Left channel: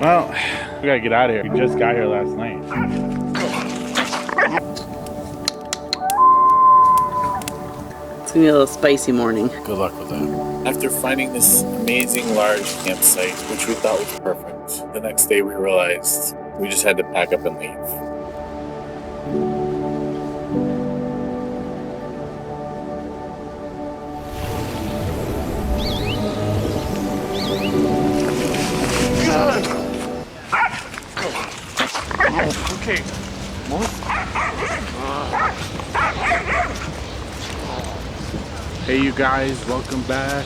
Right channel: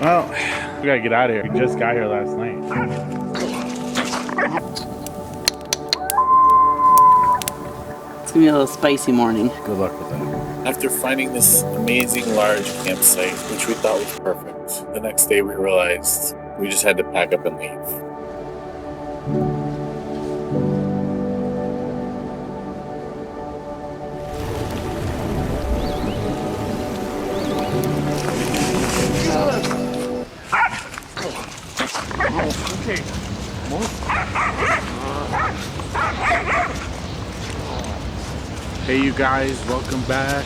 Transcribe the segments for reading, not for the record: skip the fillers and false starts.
Well, we gotta get out of here. We just got here last night. It's gonna be a little spicy morning. Good luck with that. After finding this amazing large campsite, which we thought was perfect, the next day we realized we just had to pack up and leave. Okay. Hey you guys, welcome back.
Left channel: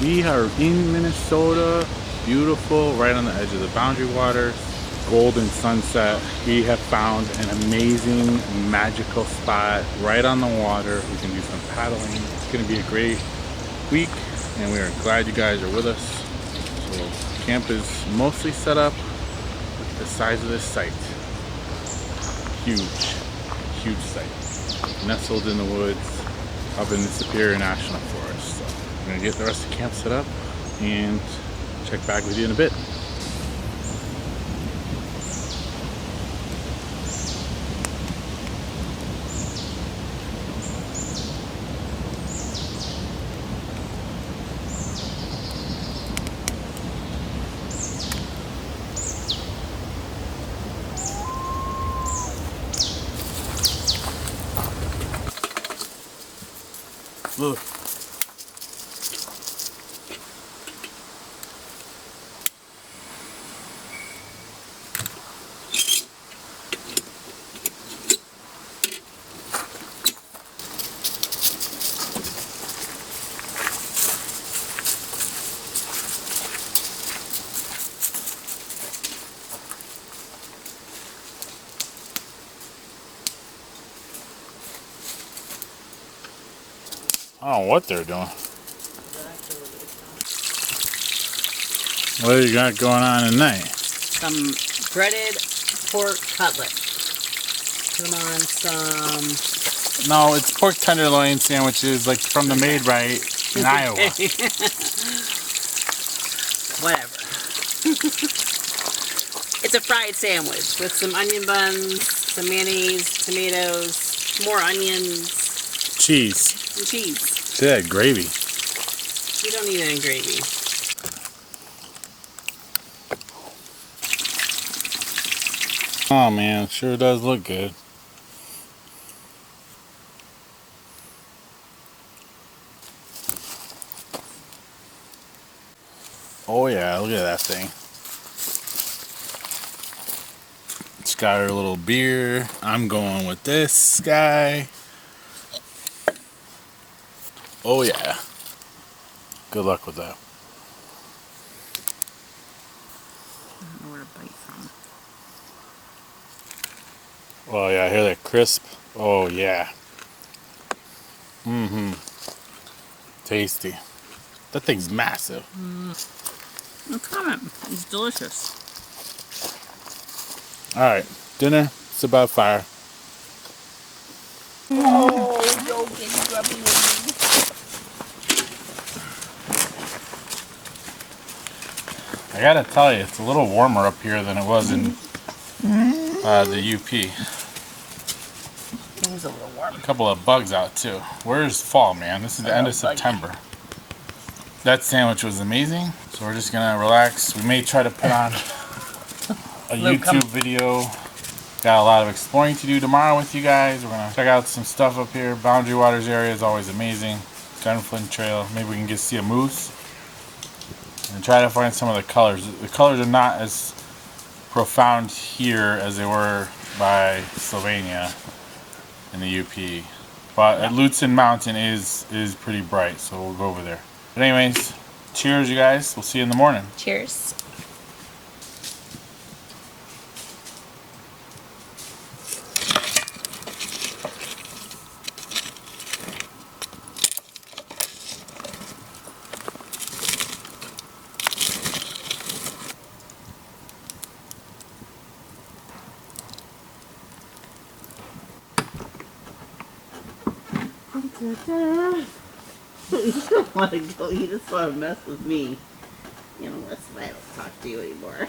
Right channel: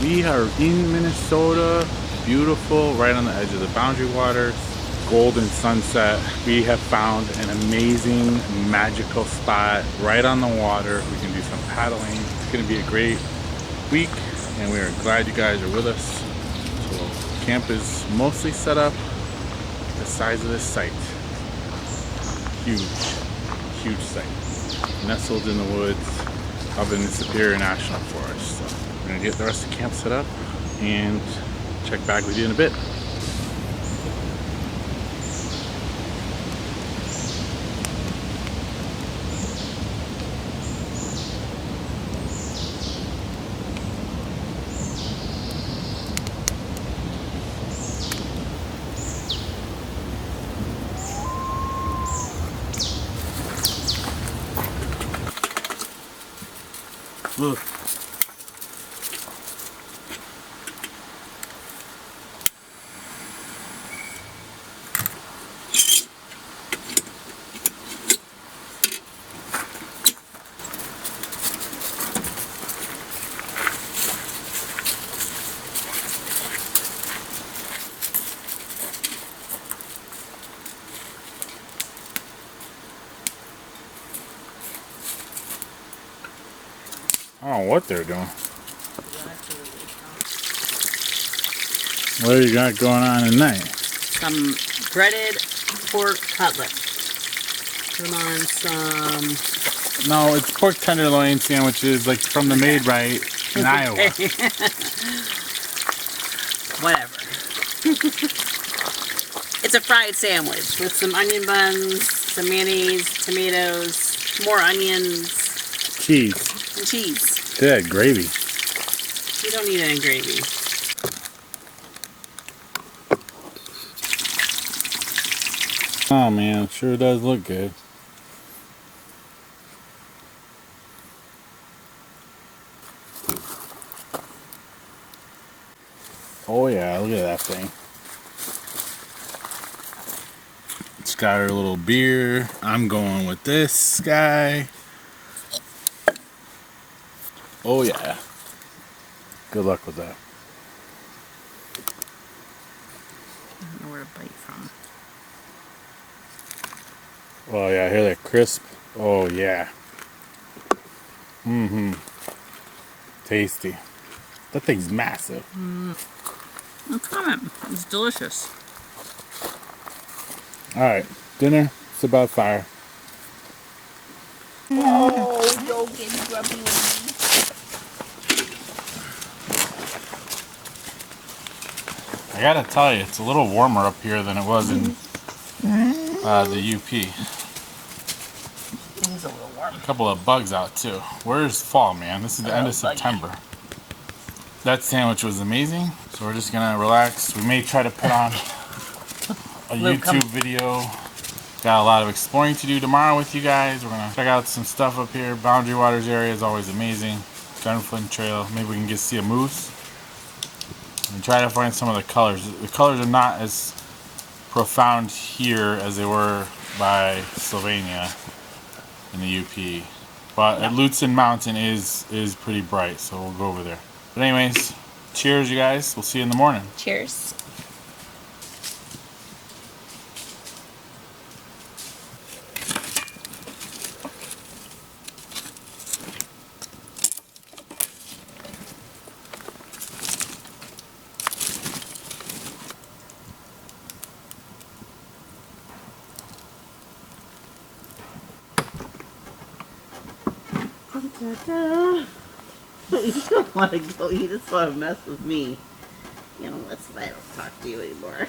We are in Minnesota. Beautiful, right on the edge of the Boundary Waters. Golden sunset. We have found an amazing, magical spot right on the water. We can do some paddling. It's gonna be a great week and we are glad you guys are with us. So camp is mostly set up. Look at the size of this site. Huge site. Nestled in the woods up in the Superior National Forest. So we're gonna get the rest of the camp set up and check back with you in a bit. Look. I don't know what they're doing. What do you got going on tonight? Some breaded pork cutlet. Put them on some... No, it's pork tenderloin sandwiches, like from the Made Right in Iowa. Whatever. It's a fried sandwich with some onion buns, some mayonnaise, tomatoes, more onions. Cheese. And cheese. Yeah, gravy. You don't need any gravy. Oh man, sure does look good. Oh yeah, look at that thing. It's got her little beer. I'm going with this guy. Oh yeah. Good luck with that. I don't know where to bite from. Oh yeah, I hear that crisp. Oh yeah. Tasty. That thing's massive. It's coming. It's delicious. Alright, dinner. It's about fire. Oh, you'll get grubby with I gotta tell you, it's a little warmer up here than it was in the UP. It's a little warm. A couple of bugs out too. Where's fall, man? This is the end of September. That sandwich was amazing, so we're just gonna relax. We may try to put on a YouTube video. Got a lot of exploring to do tomorrow with you guys. We're gonna check out some stuff up here. Boundary Waters area is always amazing. Gunflint Trail. Maybe we can get see a moose. And try to find some of the colors. The colors are not as profound here as they were by Sylvania in the UP. But at Lutsen Mountain is pretty bright, so we'll go over there. But anyways, cheers you guys. We'll see you in the morning. Cheers. You don't want to go. You just want to mess with me. You know, Listen, I don't talk to you anymore.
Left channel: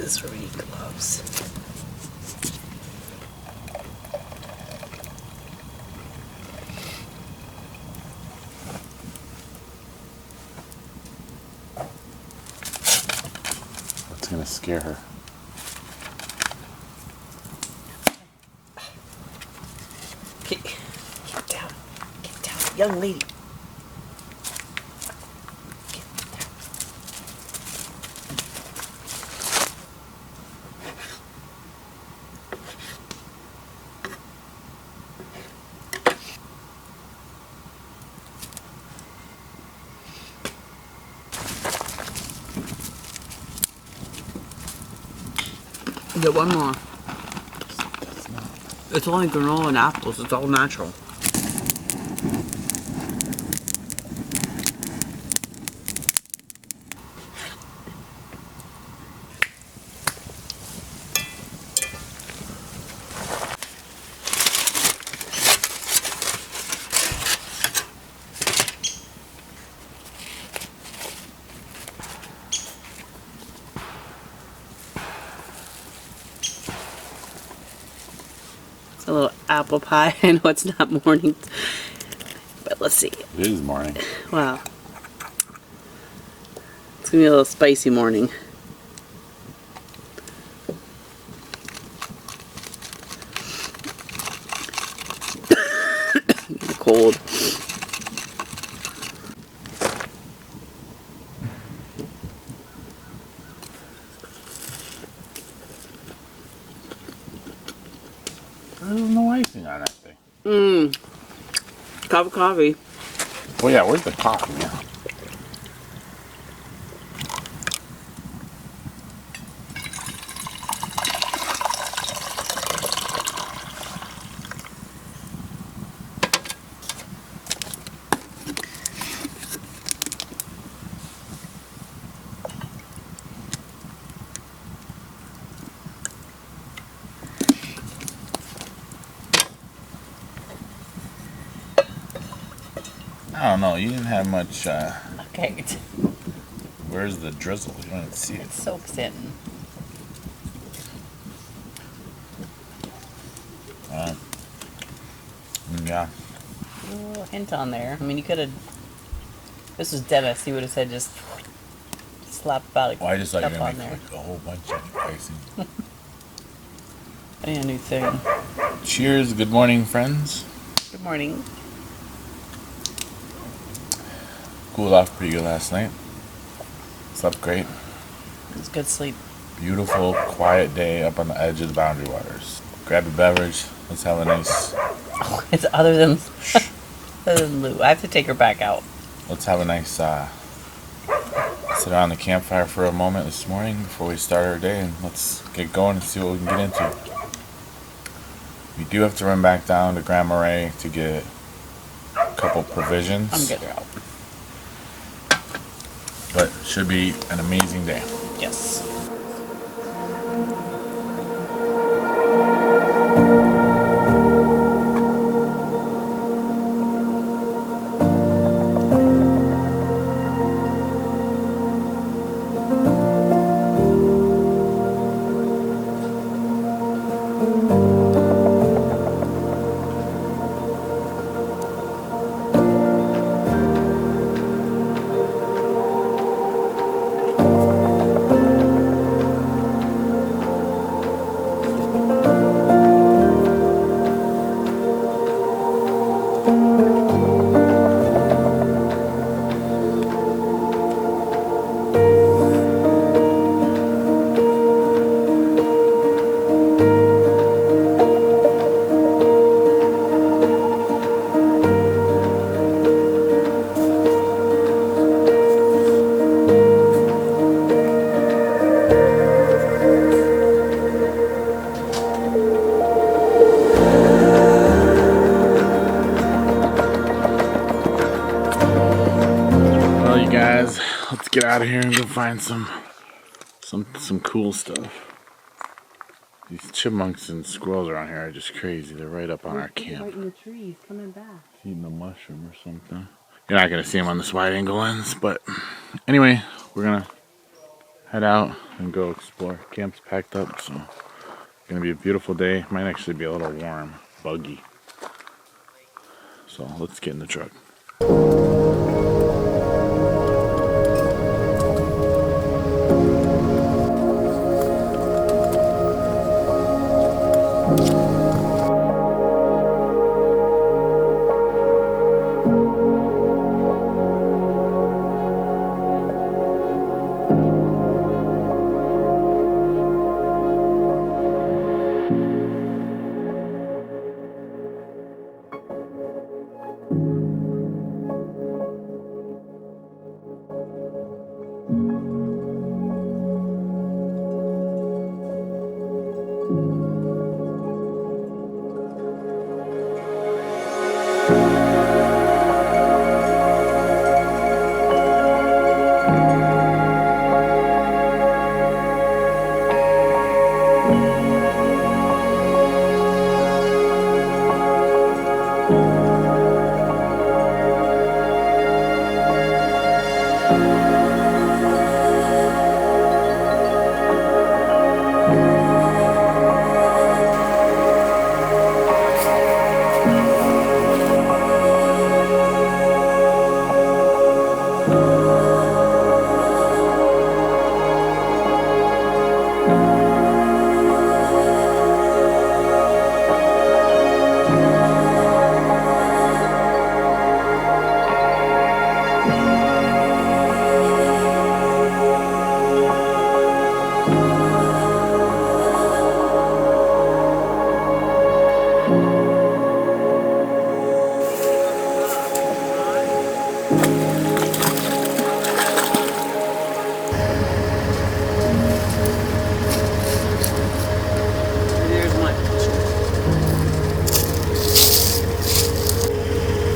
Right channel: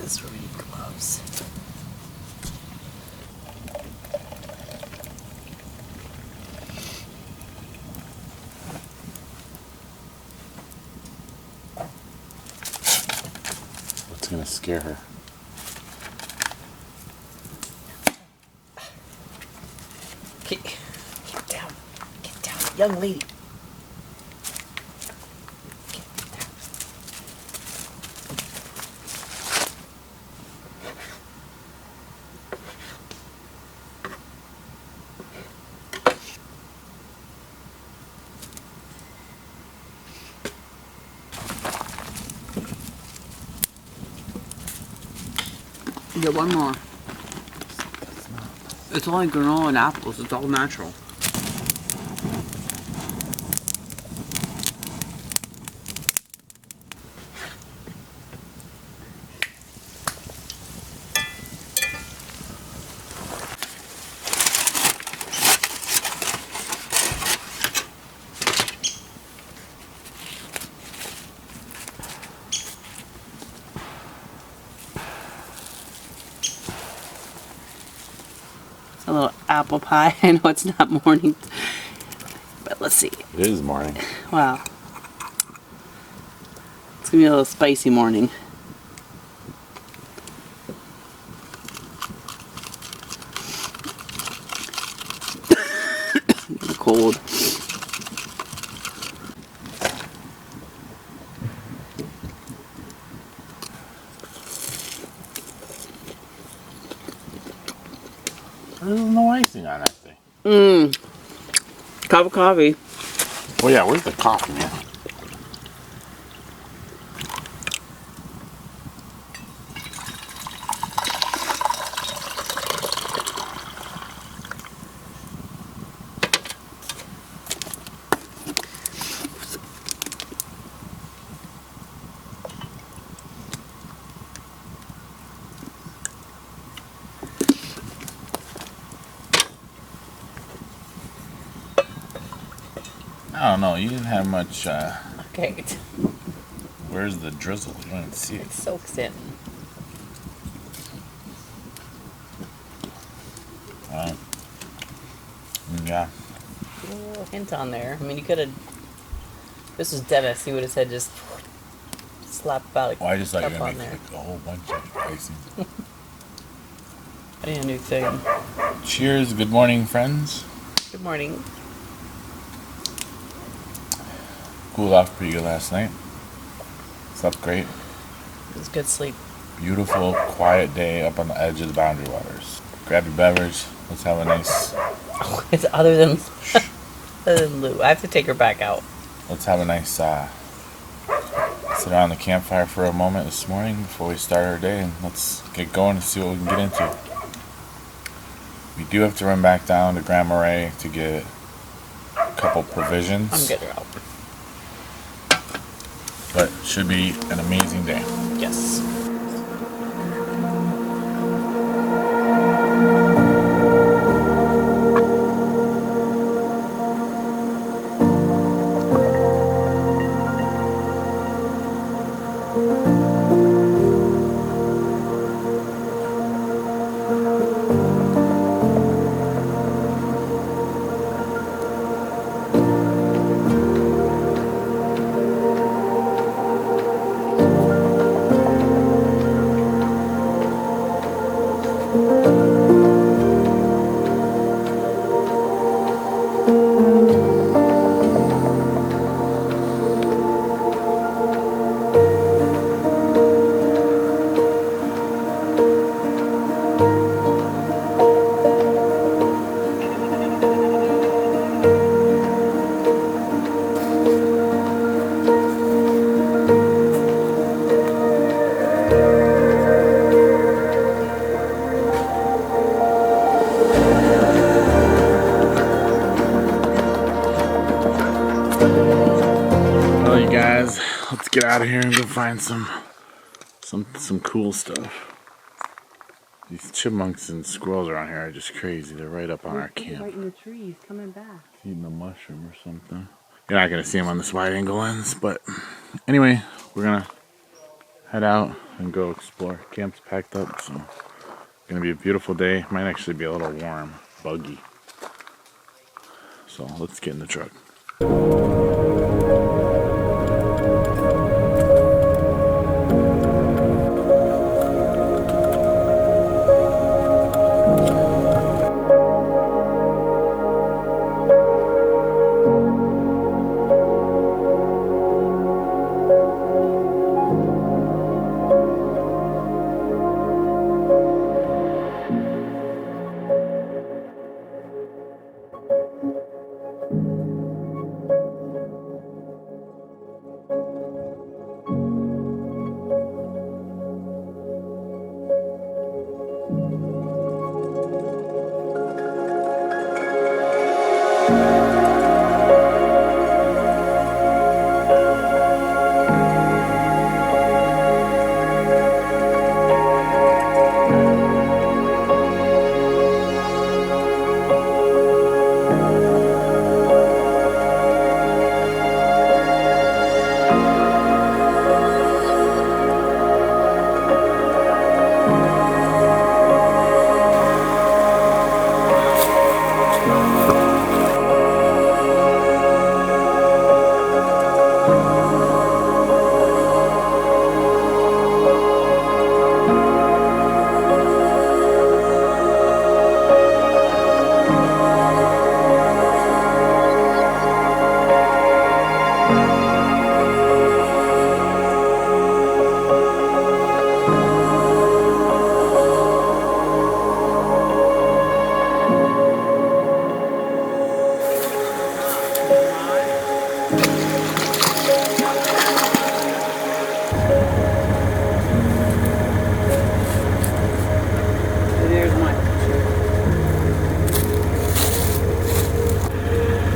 This is where we need gloves. What's gonna scare her? Get down. Get down. Young lady. Get one more. That's not. It's only granola and apples. It's all natural. A little apple pie. I know it's not morning, but let's see. It is morning. Wow. It's gonna be a little spicy morning. Cold. There's no icing on that thing. Cup of coffee. Oh yeah, where's the coffee, man? I don't know. You didn't have much. Okay. Where's the drizzle? You don't even see it. It soaks in. Yeah. A little hint on there. I mean, you could have. This was Dennis. He would have said just slap about a Well, I just thought you were cup gonna on make there. like a whole bunch of icing. A new thing. Cheers. Good morning, friends. Good morning. Cooled off pretty good last night. Slept great. It was good sleep. Beautiful, quiet day up on the edge of the Boundary Waters. Grab your beverage. Let's have a nice. It's other than Lou. I have to take her back out. Let's have a nice. Sit around the campfire for a moment this morning before we start our day, and let's get going and see what we can get into. We do have to run back down to Grand Marais to get a couple provisions. I'm getting her out. But should be an amazing day. Yes. Alright guys, let's get out of here and go find some cool stuff. These chipmunks and squirrels around here are just crazy. They're right up on our camp. Right in the trees, coming back. Eating a mushroom or something. You're not gonna see them on this wide angle lens, but anyway, we're gonna head out and go explore. Camp's packed up, so it's gonna be a beautiful day. Might actually be a little warm, buggy. So let's get in the truck.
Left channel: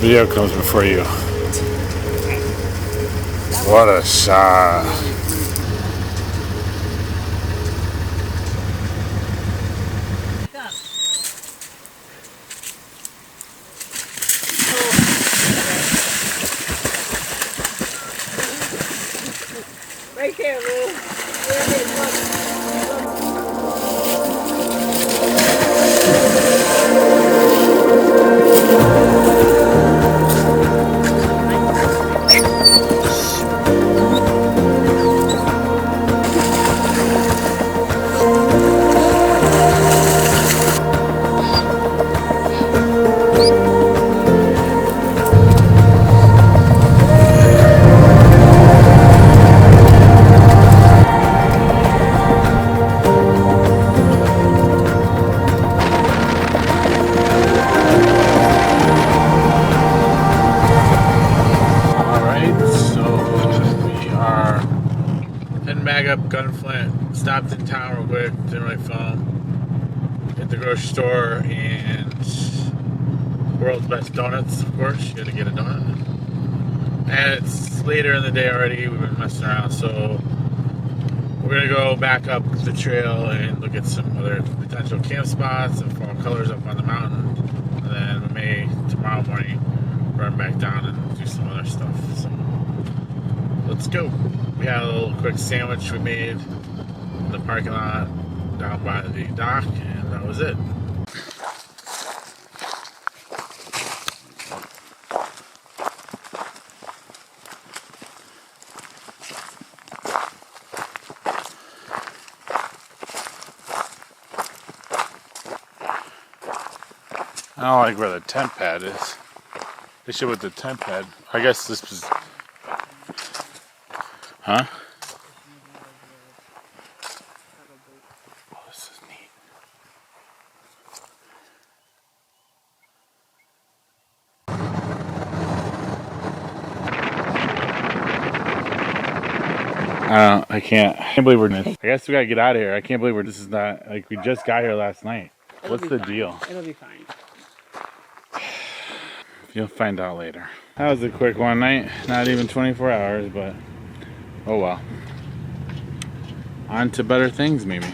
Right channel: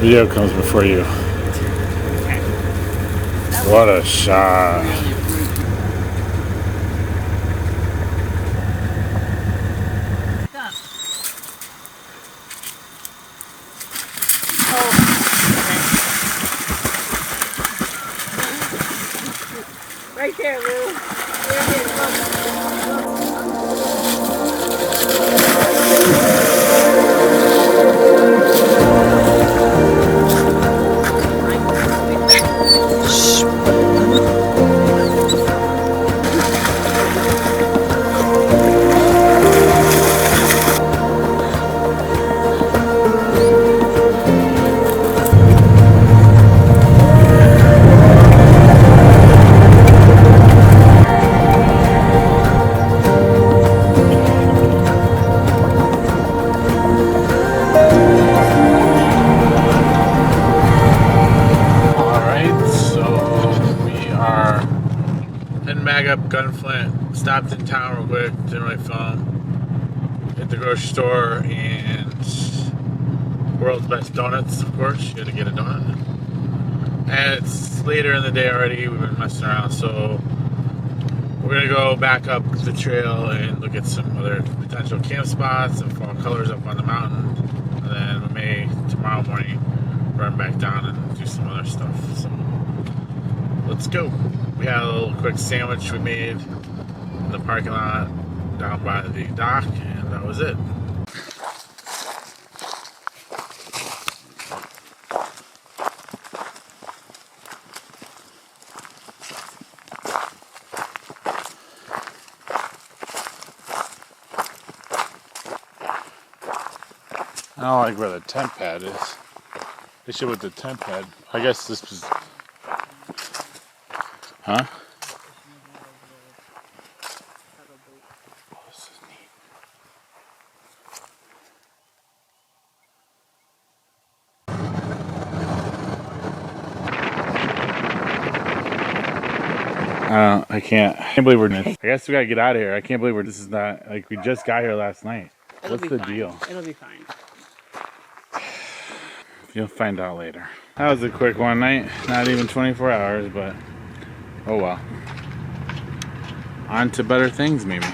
Video comes before you. What a shot. Right there, Lou. There it is. Look. Bag up gunflint, stopped in town real quick, didn't really film. Hit the grocery store and world's best donuts, of course. You gotta get a donut. And it's later in the day already, we've been messing around, so we're gonna go back up the trail and look at some other potential camp spots and fall colors up on the mountain. And then we may, tomorrow morning, run back down and do some other stuff. So let's go. We had a little quick sandwich we made in the parking lot down by the dock, and that was it. I don't like where the tent pad is. They should put the tent pad. I guess this was. Huh? Oh, this is neat. I can't believe we're in this. I guess we gotta get out of here. I can't believe this is not, like, we just got here last night. What's the deal? It'll be fine. You'll find out later. That was a quick one night. Not even 24 hours, but oh well. On to better things, maybe.